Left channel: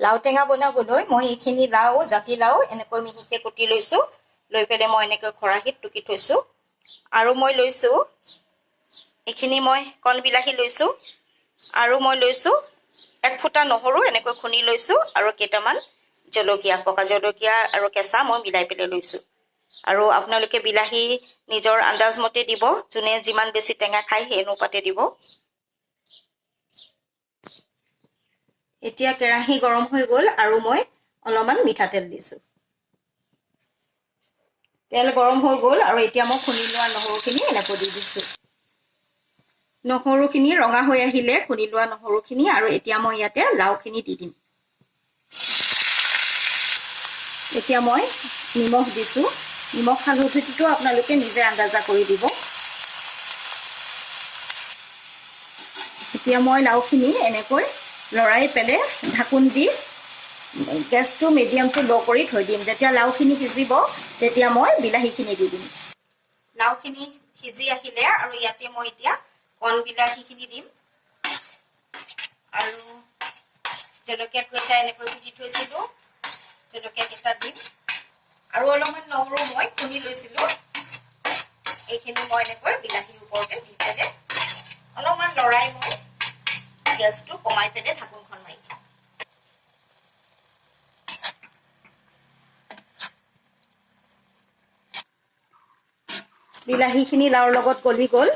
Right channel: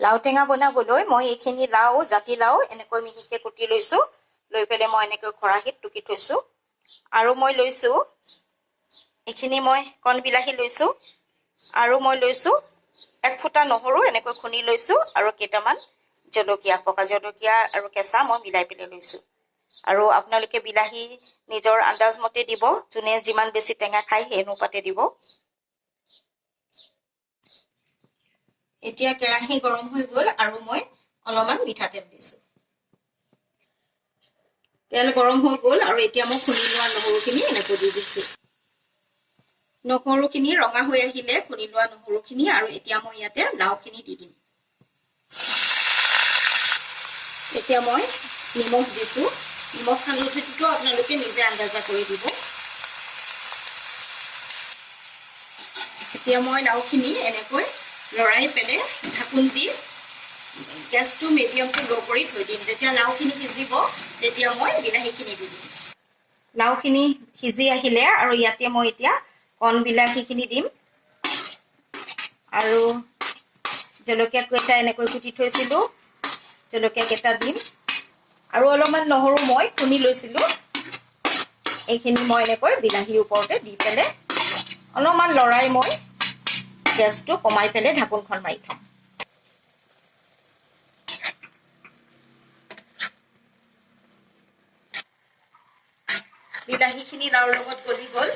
লাও টেঙা বনাবলৈ মই এইখিনি লাও জাতিলাও এনেকৈ মিহিকৈ কুটি লৈছোঁ। লৈ পেলাই মই এনেকৈ খৰাহিত টুকি থৈছোঁ। আৰু মই লৈছোঁ এইখিনি মই কণ বিলাহী লৈছোঁ। আৰু মই লৈছোঁ 1 ফুটা নহৰু এনেকৈ খুন্দি লৈছোঁ। আৰু কেইটামান জলকীয়া, পকা জলকীয়া আৰু কেঁচা মই মিলাই পেলাই লৈছোঁ। আৰু আপোনালোকে বিলাহী নিজৰ আন্দাজ মতে দিব, যোনে যিমান বেছি টেঙা খায় সেই অনুপাতে দিব। এতিয়া কেৰাহী গৰম হৈ গ'ল আৰু মই অলপমান মিঠাতেল দিছোঁ। তেল গৰম হৈ গ'ল আৰু এতিয়া মই খুন্দি লোৱা নহৰুখিনি এনেকৈ দি দিছোঁ। নহৰুখিনি ৰঙা হৈ আহিলে খুন্দি লোৱা নহৰুখিনি, আৰু এতিয়া মই ইয়াতে লাওখিনি দি দিম। এতিয়া মই নিমখ দিছোঁ। নিমখ হালধিটো আপোনালোকে নিজে আন্দাজা কৰি দিব। এতিয়া মই লাওখিনি এনেকৈ লৰাই পেলাই ঢাকোন দি গেছটো মিডিয়াম টু ল' কৰি থৈ দিম। যেতিয়া লাওখিনি সিজিব তেতিয়া মই বিলাহীখিনি দি দিম। লাওখিনি সিজি আহিলে আৰু ইয়াতে মই এতিয়া কণ বিলাহীখিনি দিম। আৰু জলকীয়া কেইটা এনেকৈ কুটি থৈছিলোঁ, জলকীয়া কেইটা দিম। আৰু অলপমান নহৰু মই খুন্দি লৈছিলোঁ, এইখিনি মই এনেকৈ বিলাহীৰ ওপৰতে দি পেলাই অলপমান লৰাই মই গেছটো কমাই পেলাই ঢাকোনখন মাৰি থওঁ। বিলাহীখিনি লাওৰ লগত গলি গ'ল।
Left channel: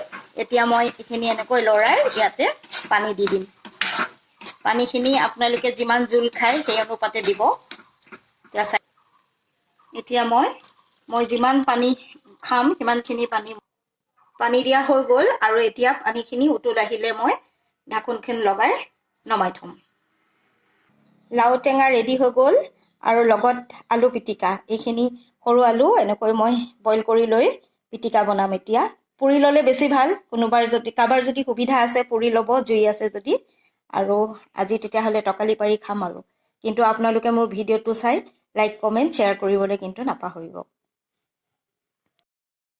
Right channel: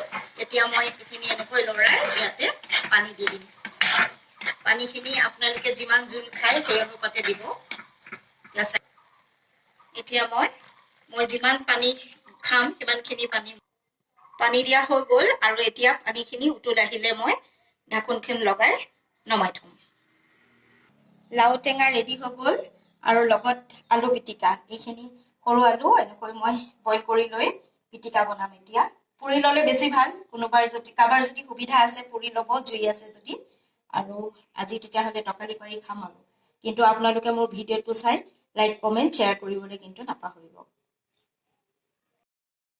এতিয়া মই এইখিনি এনেকৈ লৰাই ইয়াতে পানী দি দিম। পানীখিনি আপোনালোকে যিমান জোল খায় সেই অনুপাতে দিব। এতিয়া মই যিমান পানী খাম সিমানখিনি পানী দিয়া হৈ গ'ল। আৰু এতিয়া পানীখিনি উতল আহিলে মই ঢাকোনখন লগাই নমাই থ'ম। লাও টেঙা ৰেডি হৈ গ'ল আৰু লগত আলু পিটিকা। এইখিনি সৰু আলু এনেকৈ মই বইল কৰি লৈ পিটিকা বনাম। এতিয়া পুৰি ল'লে বেছি ভাল। কাৰোবাৰ যদি সুবিধা আছে পুৰি ল'ব, জুই আছে যদি। আৰু আজি তেতিয়াহ'লে তকালি পাৰি খাম আৰু। কিন্তু আপোনালোকে মোৰ ভিডিঅ'টো চাই লাইক, কমেণ্ট, শ্বেয়াৰ কৰিবলৈ কিন্তু নাপাহৰিব।